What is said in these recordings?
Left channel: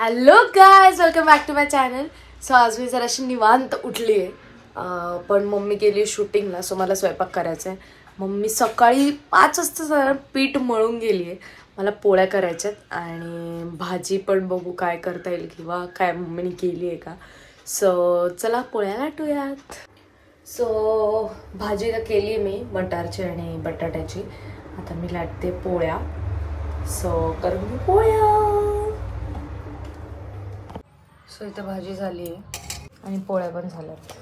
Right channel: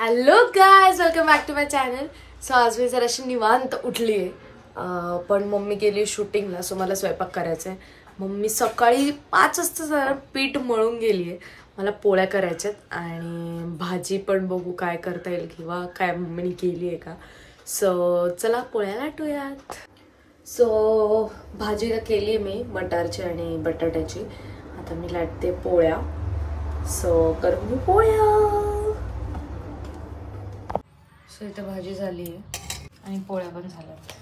Hello guys, welcome back to my channel. So आज मी जराशी निवांत उठली आहे, पण मम्मी गेली शूटिंगला. सो मला स्वयंपाक करायचा आहे. मम्मी सकाळी 5 वाजता जरा पीठ मळून गेली आहे. मला पोळ्या करायच्यात आणि भाजी पण बघू काय करता येईल किंवा काय मम्मीने केली आहे का. सो चला पोळ्या लाटूयात. सो भाजी केली आहे मी मटारची आणि बटाट्याची. आता मी लाटते पोळ्या. सो करून मी पोळ्या. सो इथे भाजी झाली आहे आणि पोळ्या पण झाल्यात.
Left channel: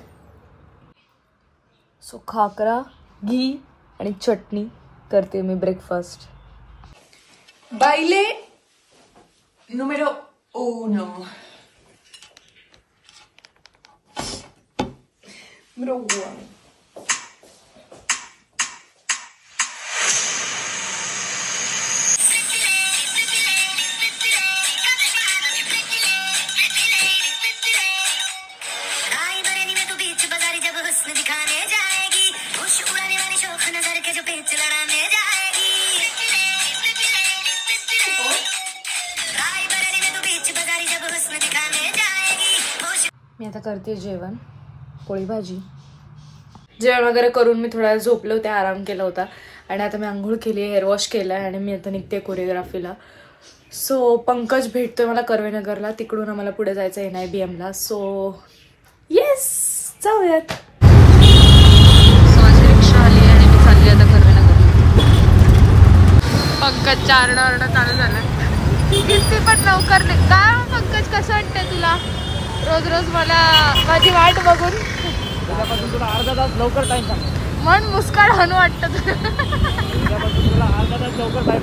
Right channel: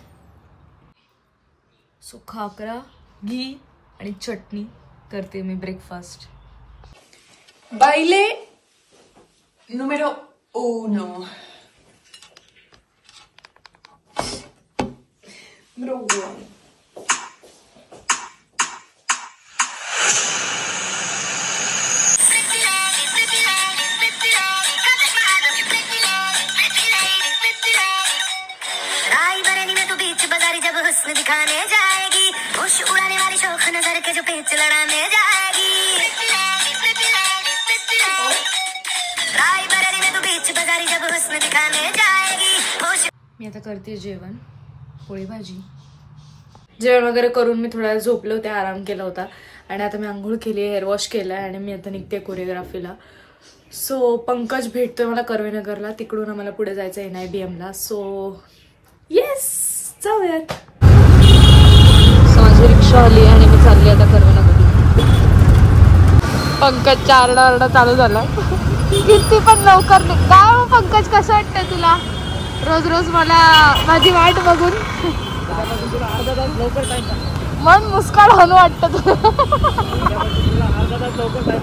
सो खाकरा, घी आणि चटणी करते मी ब्रेकफास्ट. बाइले número 1. Número 1. दिखाने जाएगी होश उड़ाने वाली शौक नगर के जो पेच लड़ाने जाएगी रायबरेली में तू बीच बाजारी जब हुस्न दिखाने जाएगी. मी आता करते जेवण, पोळी भाजी. जेवण वगैरे करून मी थोडा झोपले होते, आराम केला होता आणि आता मी आंघोळ केली, हेअर वॉश केलाय आणि मी आता निघते कोरिओग्राफीला. सो पंकज भेटतोय मला कर्वेनगरला, तिकडून आम्हाला पुढे जायचं NIBM ला. सो येस जाऊयात. माझी रिक्षा आली आणि मी चालली आता कर्वेनगरला. पंकजचा आरडा चालू झाला. किती पण लवकर काय हो पंकज, कसं वाटतंय तुला रोज रोज मला माझी वाट बघून? तुला अर्धा तास लवकर टाइम मन मुस्काड हनु वाटतं तुला? अर्धा तास लवकर टाइम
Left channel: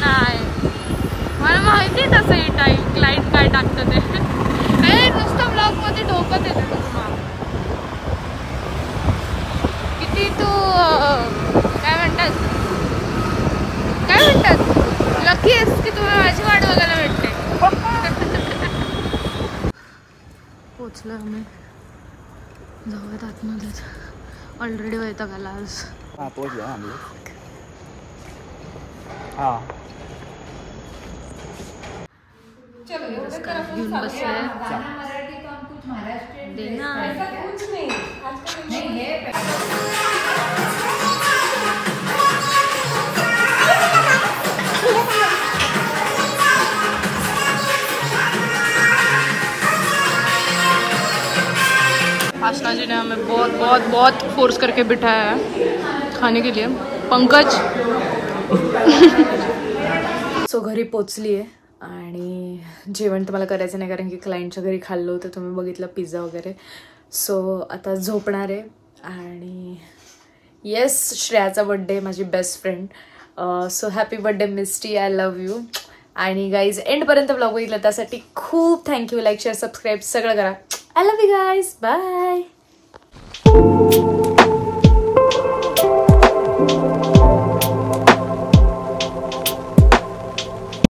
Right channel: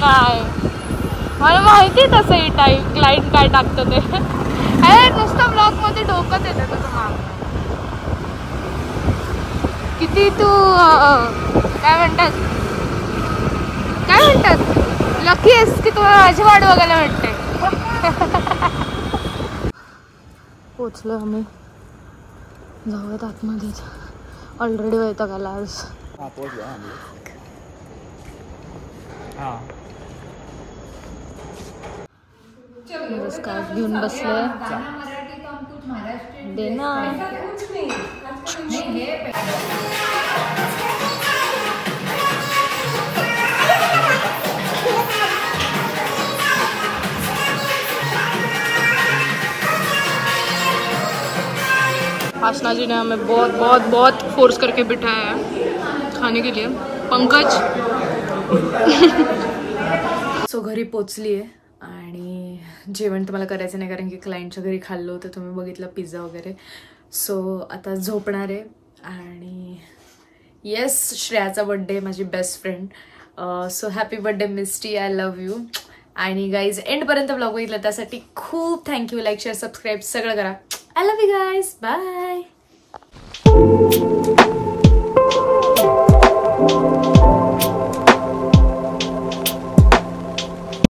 नाही, मला माहिती तसं ही टाईम क्लाइंट काय टाकतं ते. अरे नुसतं ब्लॉग मध्ये डोकं येतं. किती तू काय म्हणतात लकी आहेस की तुम्हाला माझी वाट बघायला भेटते. पोचलो आम्ही, जाऊयात आतमध्येच. ऑलरेडी वैताग आला आज. स्कार्फ घेऊन बसले देना. आशना जी ने हमें बहुत बहुत बहुत फोर्स करके बिठाया है खाने के लिए. पंकज सो घरी पोचली आहे आणि जेवण तर मला करायचं नाही कारण की क्लायंटच्या घरी खाल्लं होतं, तुम्ही बघितलं पिझ्झा वगैरे. सो आता झोपणार आहे. आणि येस, श्रेयाचा बड्डे, माझी best friend. So happy birthday Misty, I love you. आणि गाईज एंडपर्यंत ब्लॉग बघितलं त्यासाठी खूप थँक्यू. लाईक शेअर सबस्क्राईब सगळं करा. I love you guys, bye.